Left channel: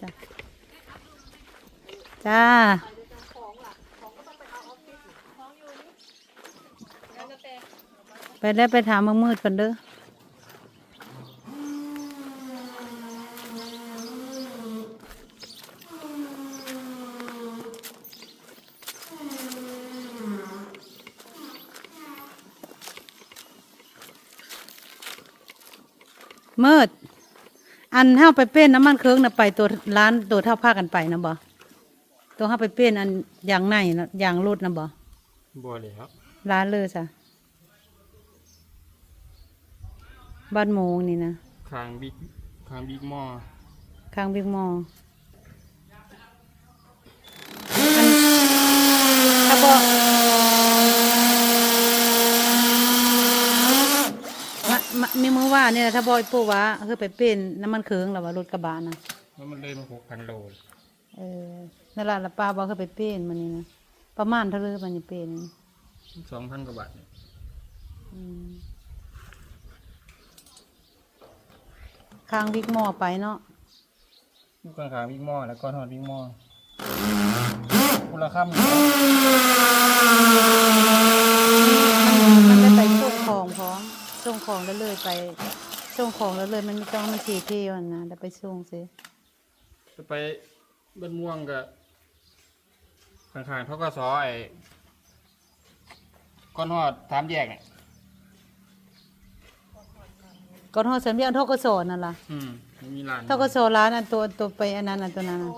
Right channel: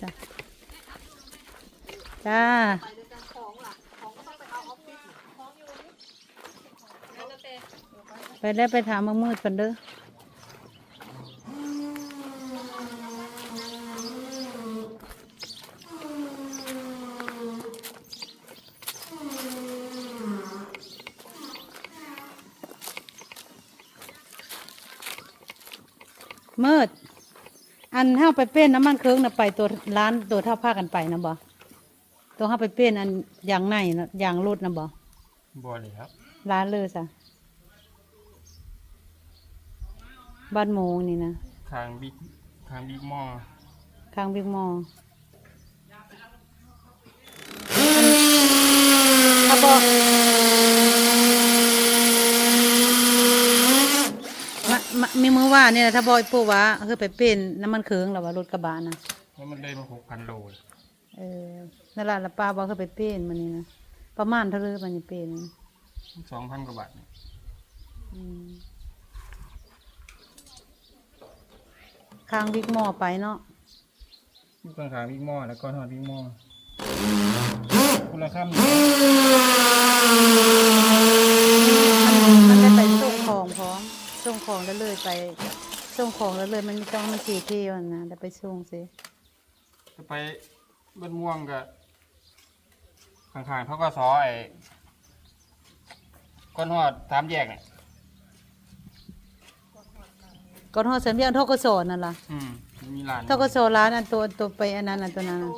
จ้ะจ้าไปแล้วไปถามมือมืดก่อนเด้อมืด อันเฮาไปเป็นน้ำมันเครื่องน่ะไปตัวร้านตัวเท่าผ้ากันไปนะบ่ตัวเฮาไปเป็นอันยางในนะยางรถนะบ่บัวเลยครับร้านเลยซะบ้านโมงนี่นะคางบิ๊กคางบิ๊กหมอข้างบิ๊กมอลล์อันเขาบอก มามามีมือว่าเนี่ยถ้าบอยปู่ว่าคือไปเป็นน้ำมันเครื่องแล้วว่ารถกระบะนะแล้วมันเลยมาหกพันโลเลยเออนั่นแหละละป้าบอกเขาไปเป็นมันนี่นะประมาณเท่าไรมันนี่เป็นสองพันกว่าบาทเนี่ยอืมข้างบิ๊กมอไปเนาะลูกคางคางบิ๊กหมอแล้วก็ทอดบิ๊กหมอคุณละคำมันได้ไปส่งของพร้อมส่ งของแล้วเลยไปส่งของแล้วเลยมันไม่ต้องมันทีเที่ยวนะได้ไปส่งสิจะไปบ้านม่วงกับคางคางเขาก็ซอไอ้ก้อนหอดสามแยกเนี่ยก่อนหอดสัญญาณทกศนั่นล่ะอืมมีร้านทกศร้านอันตัวตัวไปอันนั้นอันตัวนั้นน่ะ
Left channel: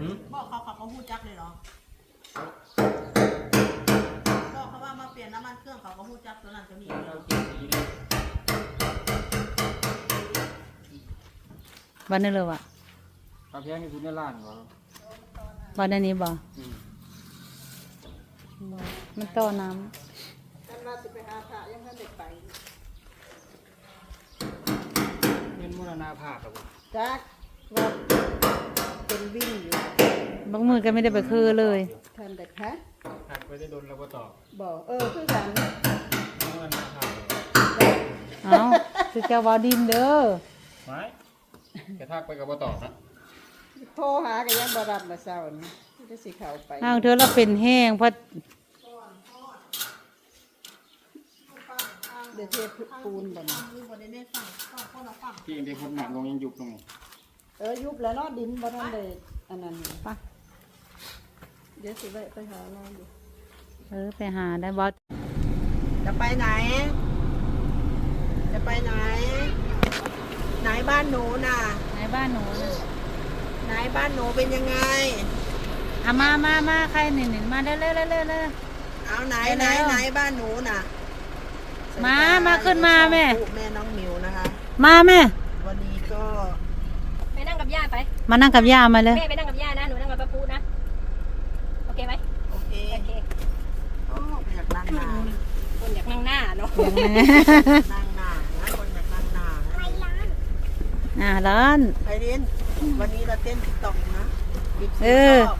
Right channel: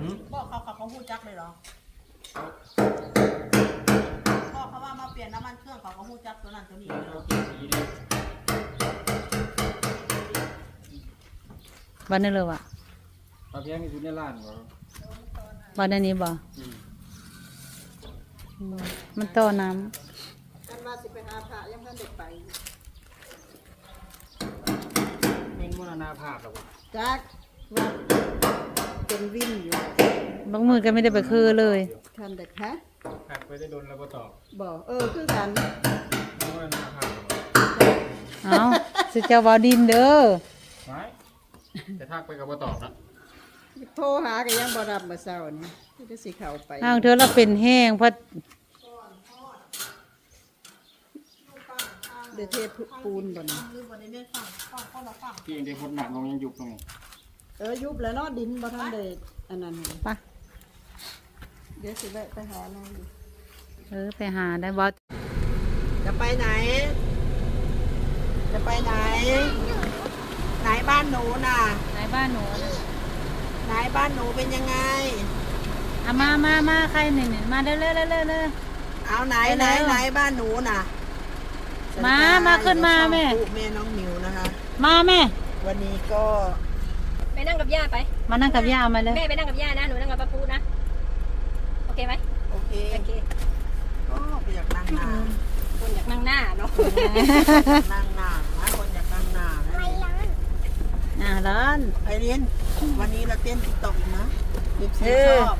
หืมบอกเขาเขาเขาพูดจักเลยเหรอ ยนน้ำมันเครื่องเขาก็พูดจักตัวนั้นตัวนี้เลยเหรอวันนี้เลยว่ะเอาเพียงมีคุณในร้านก่อนวันนี้บ่อืมมันต่อน้กันว่าสิไปหาพระยังเพิ่นเด็กไปเป็นมรณาภาพแล้วบ่จักว่าเป็นวิ่งอยู่ำบางมือก็ไม่ได้ไปคือเลยท่านเด็กฮะ หักไปได้โดนแล้วก็ตอบบอกเออคือกันมรณาภาพแล้วบ่เอาสิเจ้าวาดินเด้อไม่จะทักไปกับบ่ตอบนะโทรหาก็ยังบ่รับเมื่อเช้านี่ก็สิเข้าไปอ้าวเธอเราเป็นแห้งเพราะเดี๋ยวเทปูนบ่นี่ที่เองได้พ้นหนักลงยังยุบลงนี่เออยุบแล้วเนาะดินบ่ทันได้อันนั้นไป เดี๋ยวสิแวะไปหาแม่ดิ เออไปหาได้บอสจะไปไหน จะไปไหน ไหนบ้านหนูน่ะ ไหนบ้านหนู ไหนบ้านหนูเป็นยังไงอะมามามาใครหนึ่งหนึ่งมาเร็วเร็วเร็วเร็วเร็วเอาไหนไปไหนแล้วไหนบ้านหนูน่ะ มาสวัสดีค่ะมาขึ้นมาอยู่ช่องแม่ปู่แม่น้องหมิวนะคะ มาแม่ วันนี้ก็ไปนั่งกับย่าไป มานั่งกับย่ามาเลยแม่ไปนั่งกับย่านะหนูนั่งกับป้าปูนะ โอเคไหม โอเค โอเค ก็อยากนั่งหนา คนอยากนั่ง หน้าเนาะนั่งหนานะคนอยากนั่งหนาอ่าร้านไอเรียนวันนี้เราเต้นติ๊กต็อกนะบิ๊กเอซีอชอบ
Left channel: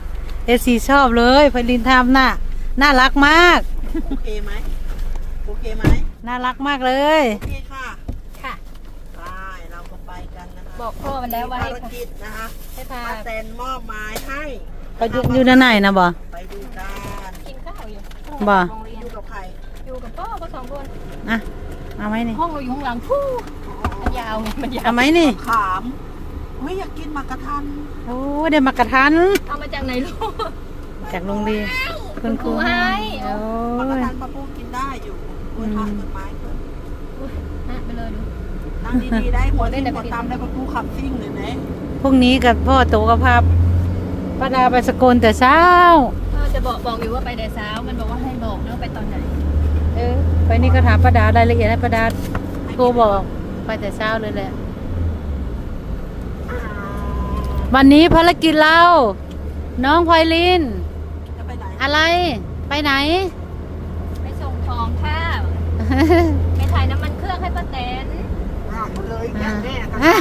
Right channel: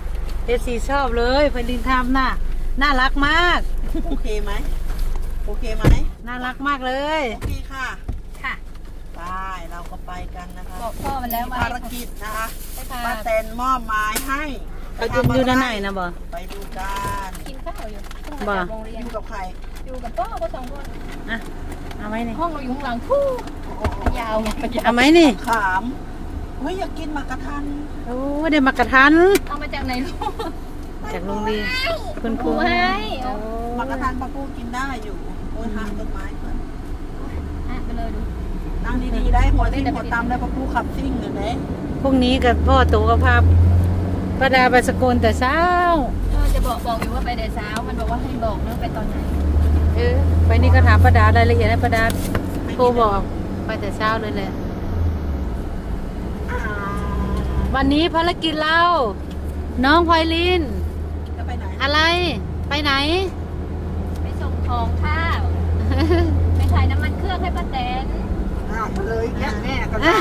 เอซีชอบเลยพลินทำน่ะน่ารักมาก โอเคไหมโอเคไหมน่ารักมากเลย โอเคค่ะค่ะ ได้เราก็ไปกันนะคะบอกพ่อมันแล้วว่าภารกิจนะคะให้พาป้าแตนมอบหมายให้ไปดูอยู่ด้านในนะบ่ไปดูกันกินข้าวอยู่บ่ โรงเรีอยนยู่กับใคร อยู่กับพ่อเขาสองคนอะเอาไหมนี่ห้องอยู่ข้างหลังฟู่ยาวมันยาวเอาไหมนี่ขามเฮ้ยอยากกินหมากกระทันโอ้ได้มากระทันเอามาจากไหนลูกจากโรงเรียนคุณครูให้โอ้หมากกระยทันปลาปูกินได้อยู่โอ้ยทานต้นไม้เพิ่นนะไปเลยดูนั่งดีๆได้หัวทิ่มหัวตามได้ปลาปูขับซิ่งเลยนะพรุ่งนี้กับพ่อโตกับพาป้าดาไปสกุลแต่เช้าเออจะบอกบอกอยู่ว่าไปแต่เช้ามันบอกว่าให้บอกนะไปตอนไหน เออ ไปนี่ก็ถามป้าดารายละเอียดนะป้าดาโทรบอก ไปแต่เช้าเลยแหละ วันนี้ภารกิจเราน้องพลอยลิน จะไปไหนอะไร ไปไหน ไปส่งของข้าวไปถ่ายน้ำมันเครื่องให้ป้าแตนอ่าเลยแค่แม่กับแม่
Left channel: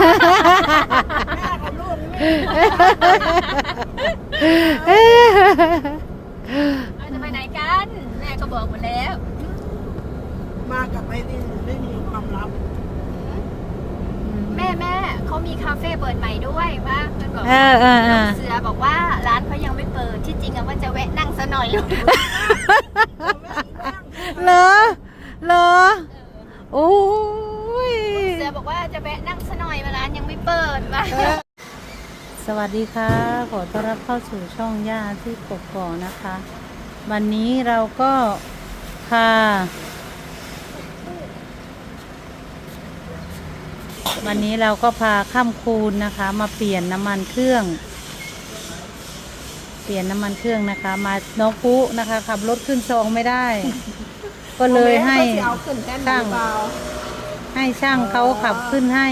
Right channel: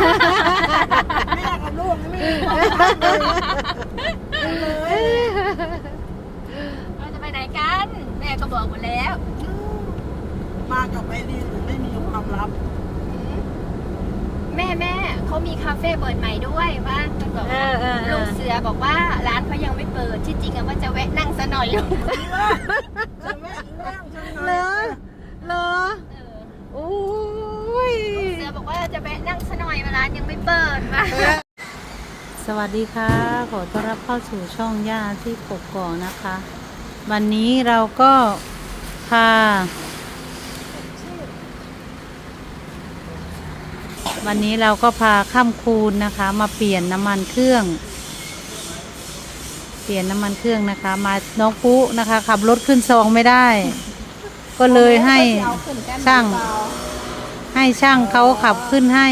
แม่กับลูกไม่มีเราจะไปไหนกัน แม่ก็บอกหมดแล้ว มากับไม่ได้ไม่มีความลับแม่แม่เขามีคาเฟ่เปิดใหม่ด้วยว่ามันบอกเออเออเอลุงอ เสือบอกว่าร้านเขายังไม่เปิดที่จริงอะว่าจะแวะนั่งซะหน่อยเหรอเหรอโอ้ย เสือบอกว่าจะแวะนั่งซะหน่อยร้านยังไม่เปิดมา สวัสดีค่ะ ขอต้อนรับเข้าสู่ช่องย่าที่กกอกนะคะ วันนี้เราก็พา วันนี้เราก็พาข้ามคูณนะคะ มาเปลี่ยนน้ำมันเครื่อง เปลี่ยนน้ำมันเครื่องนะคะ มาน้องปุ๊นะคะขับรถขึ้นซองไม่ได้ ก็เลยให้ช่างให้ช่างเขาขับขึ้นให้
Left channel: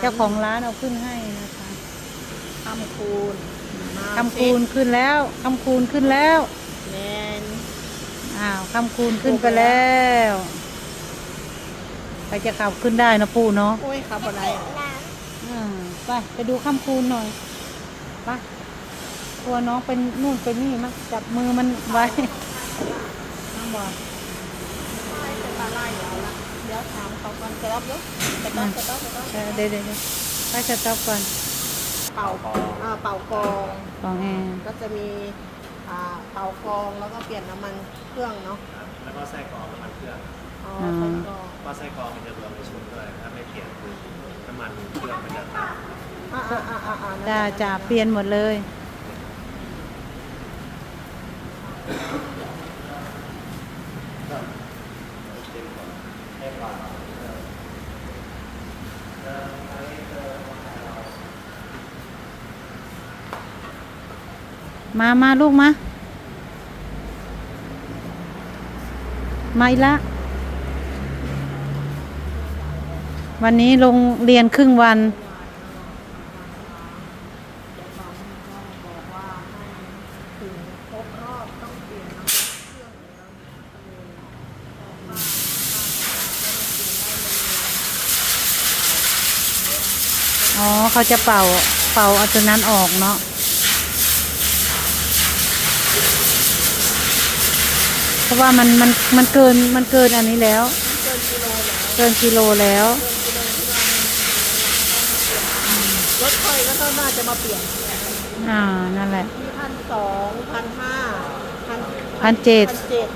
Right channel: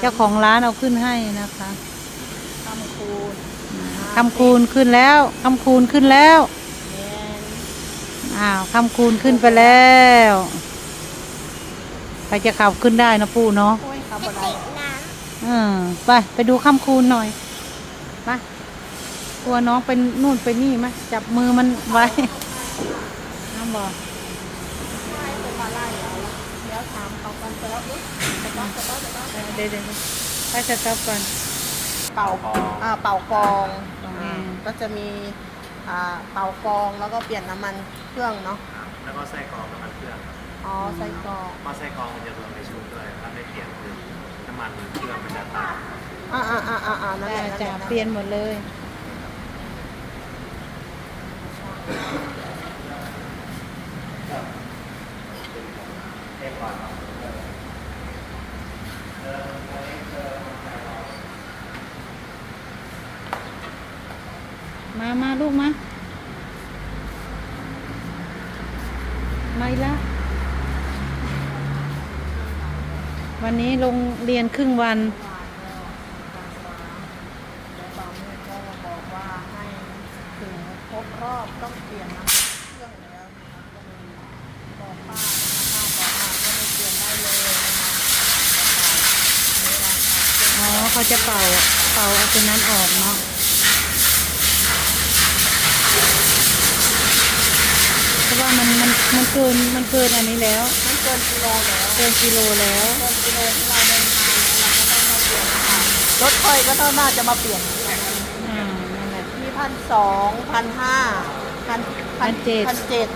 เจ้าของร้านเอาขึ้นให้นะคะทำคูณคำคูณขึ้นแล้วคำคูณขึ้นแล้วอ้าวคำคูณขึ้นไปแล้ว ใครจะขับขึ้นได้นะปู่เนาะโอ้ยขับอะไรอืมไปไปดูคำคูณหน่อยไปตัวน้องเป็นนู่นเป็นนี่ไหมจับมือมันไว้น้องบอกเดี๋ยวถามขอคนจะรับนี้เดี๋ยวเดี๋ยวเดี๋ยวถ้าจะตอบก่อนเป่าอ่าเป่ากรองของเองก็จะมีอ่าเป่ากรองแล้วก็เปลี่ยนน้ำมันเครื่องเนาะครับแล้วก็ไส้กรองน้ำมันเครื่องอ๋อใส่กรองเพราะไส้กรองมันจะรวมในชุดด้วย ถ้าไม่เปลี่ยนคือน้ำมันเครื่องมันจะตัดอ่าอ่าอ่าอ่าอ่านั่นแหจะละจะเปลี่ยนหมดเลยมามาลูกมา มาอีกละ วันนี้ลงเรียนครึ่งวัน อ๋อเขาจะเป่าเป่าเอาตัวนั้นออกเนาะเพราะว่ามันมันมันเกินมันเกินอันนี้แล้ว เกินกิโลแล้ว รถไฟ ก็น่าจะมาเปลี่ยนแข่งกันอ่านั่นแหละ พันสองพันห้าพันพันเจ็ดพันเจ็ด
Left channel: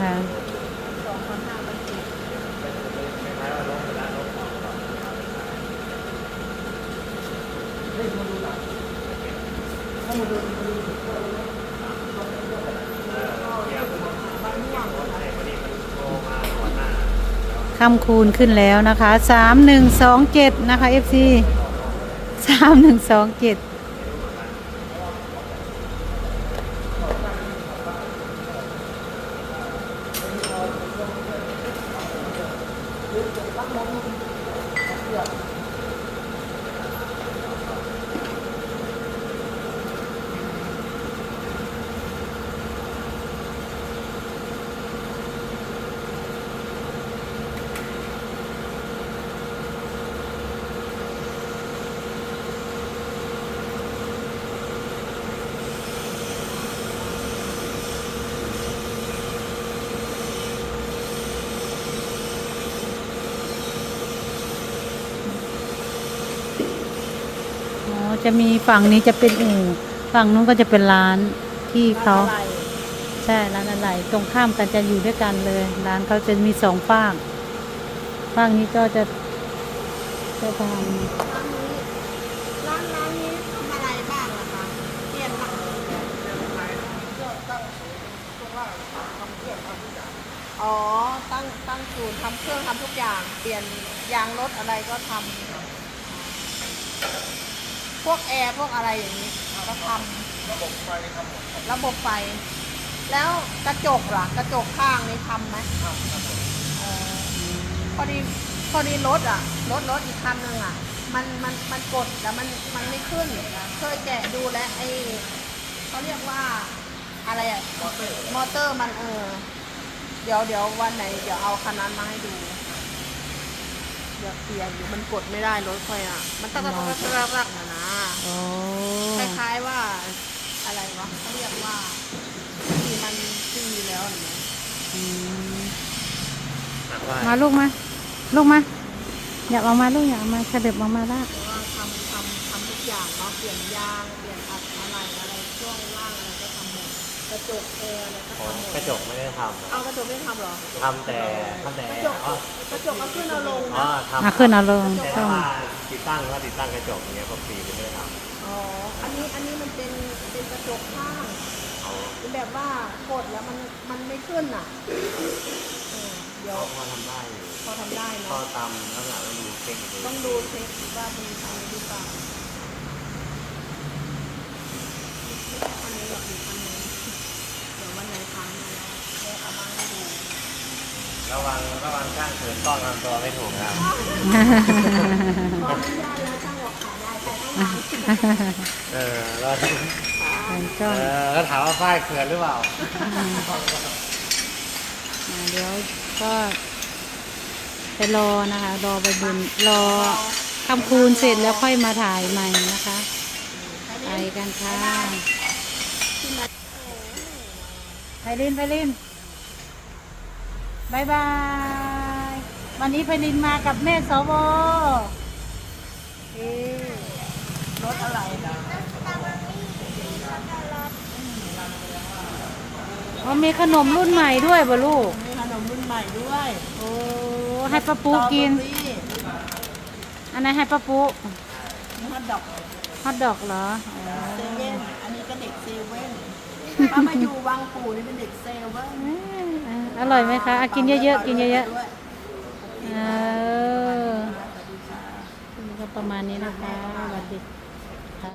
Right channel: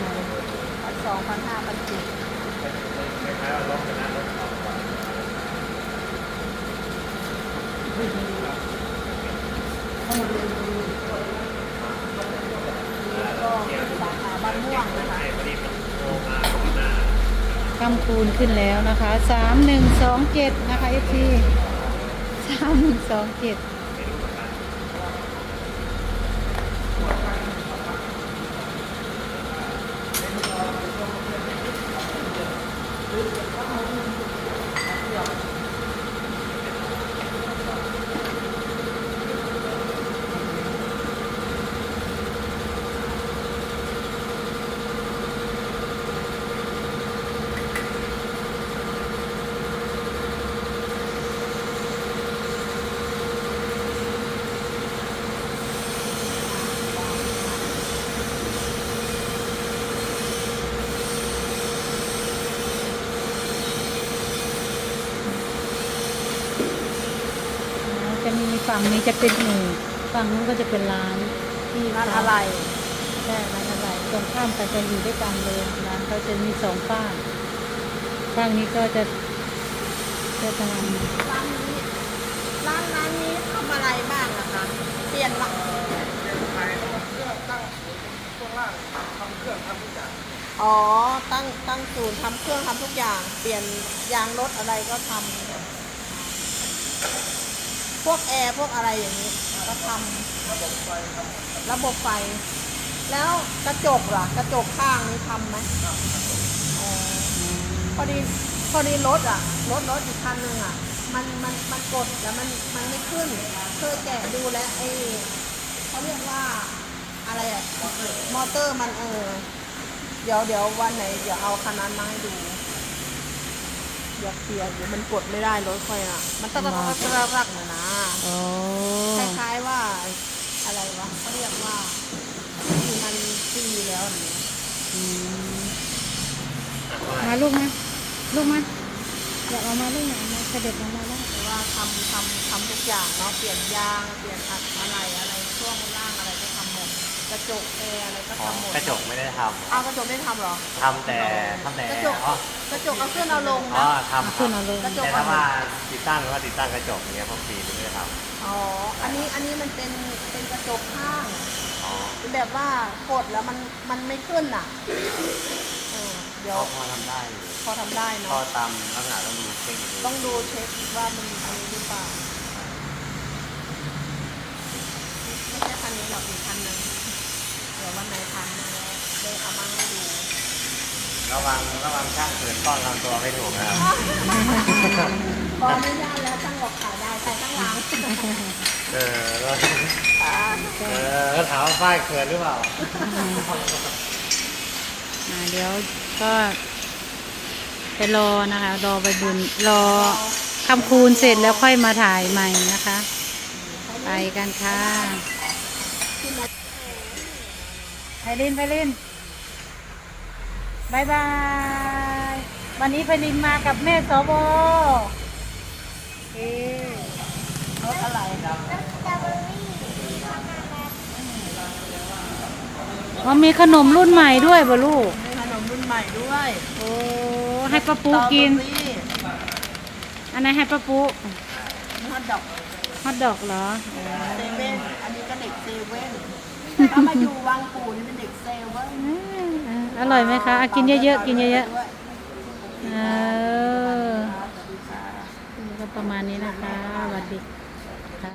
อ่าพันสองพันห้าพันเจ็ดคำคูณขึ้นแล้วนะคะสามหนึ่งสองเจ็ดนะคะ FC สามหนึ่งสองเจ็ด อ๋อ จะมีฝั่งนี้จะเป็นอู่ฝั่งนู้นก็จะเป็นร้านที่เขาอะไรใช่ร้านอะไรตรงข้ามกันจะอยู่ด้วยกันเลยร้านเขาจะมีสองฝั่งฝั่งนี้ก็จะจะทร้านนี้ร้านร้านนี้ทำอะไรบ้างนะคะเปลี่ยนมาอ๋อ ตั้งตั้งศูนย์ทำเครื่องทำทุกอย่าง เปลี่ยนยางรถอะไรก็ทำพ วกแอร์พวกอะไรอย่างนี้ก็ทำระบบไฟทำหมดระบบไฟ แล้วกระจกล่ะกระจกข้างนี้ทำไหมเออำพอดีพอดีรถอะรถรถอีกคันหนึงอะมันมันมันกดแล้วมันมันไม่ขึ้นเคยแกะดูแล้วไอ้เขาเรียกว่าอะไรอะมอเตอร์มอเตอร์มันเออเดี๋ยวเดี๋ยววันไหนเดี๋ยวเอาคันนั้นมาให้ดูเดี๋ยวเปลี่ยนเดี๋ยวมันกดไม่ได้รถใครอะมันก็จะรักรักรัก นะอ๋อคล้ายๆว่าอะไรวะเขาเรียกว่าที่มันซีแล้วอย่างเงี้ยอืมมาลูกมา ลูกมา อยากออกมาลูกอยากออกมาเสด็จออกมาได้ว่าทำทำทำทุกอย่างเนาะเปลี่ยนยางเปลี่ยนอัด กระจกเอยอะไรก็อ๋อทำหมดกระจกไม่ได้ทเอากระจกไม่ทำเหรอำทำแต่ทำแต่อ๋อกระจกเอาขึ้นเอาลงอ๋อนะทำเอาขึ้นเอาลง แต่ถ้าว่าติดตั้งว่าติดตั้งกระจกอย่างเงี้ยพวกปีนี่ไม่ได้ทอ๋ออันนี้อันนี้มันเป็นเป็นกระจกข้างำอ๋อเป็นแบบว่ากดแล้วมันมันไม่ขึ้นอะอืมเดี๋ยวก็พอทำได้อยู่พอทำได้ก็เนาะตามลักษณะต้องดูเช็คอีกทีต้องดูเช็คว่ามันมีอะไรหรือเปล่าไม่ใช่คันนี้หรอกอีกคันหนึงเดี๋ยววันไหนทางแล้วได้เอามาให้ดู ระวัง ระวังช่างเขินต้อนลำตัวไม่ถูกนะครับขออนุญาตแล้วช่างบอกขายได้แต่ตั้งหลังเออแล้วก็เออแล้วถามว่าฝ้ายเขินหรือเปล่าอ่าเดี๋ยวก็ไปรอนะคะ รอไปบุญรอคำคูณเสร็จแล้วค่อยมาถ่ายใหม่นะคะ ไปกันค่ะไพลินไพลินบายบาย วันนี้ไพลินมากับแม่สวเอ๊ะรถอะไรอ๋อมีขนมรุ่นใหม่ด้วยบ่ลูก มีขนมรุ่นใหม่ด้วยโอ้ให้ป้าปูกินสตรอเบอรี่อันไหนให้ป้าปูมีฮอทดอกฮอทดอกเหรออ๋อเซเว่นอันนี้ก็เด็กเซเว่นถ้ามาอยู่วังปู่นี่เป็นเด็กเซเว่นเอออร่อยไหมคะอะกินเยอะๆ กินเยอะด้วยๆ เออสวัสดีค่ะนี่ก็ประมาณนี้นะคะสวัสดี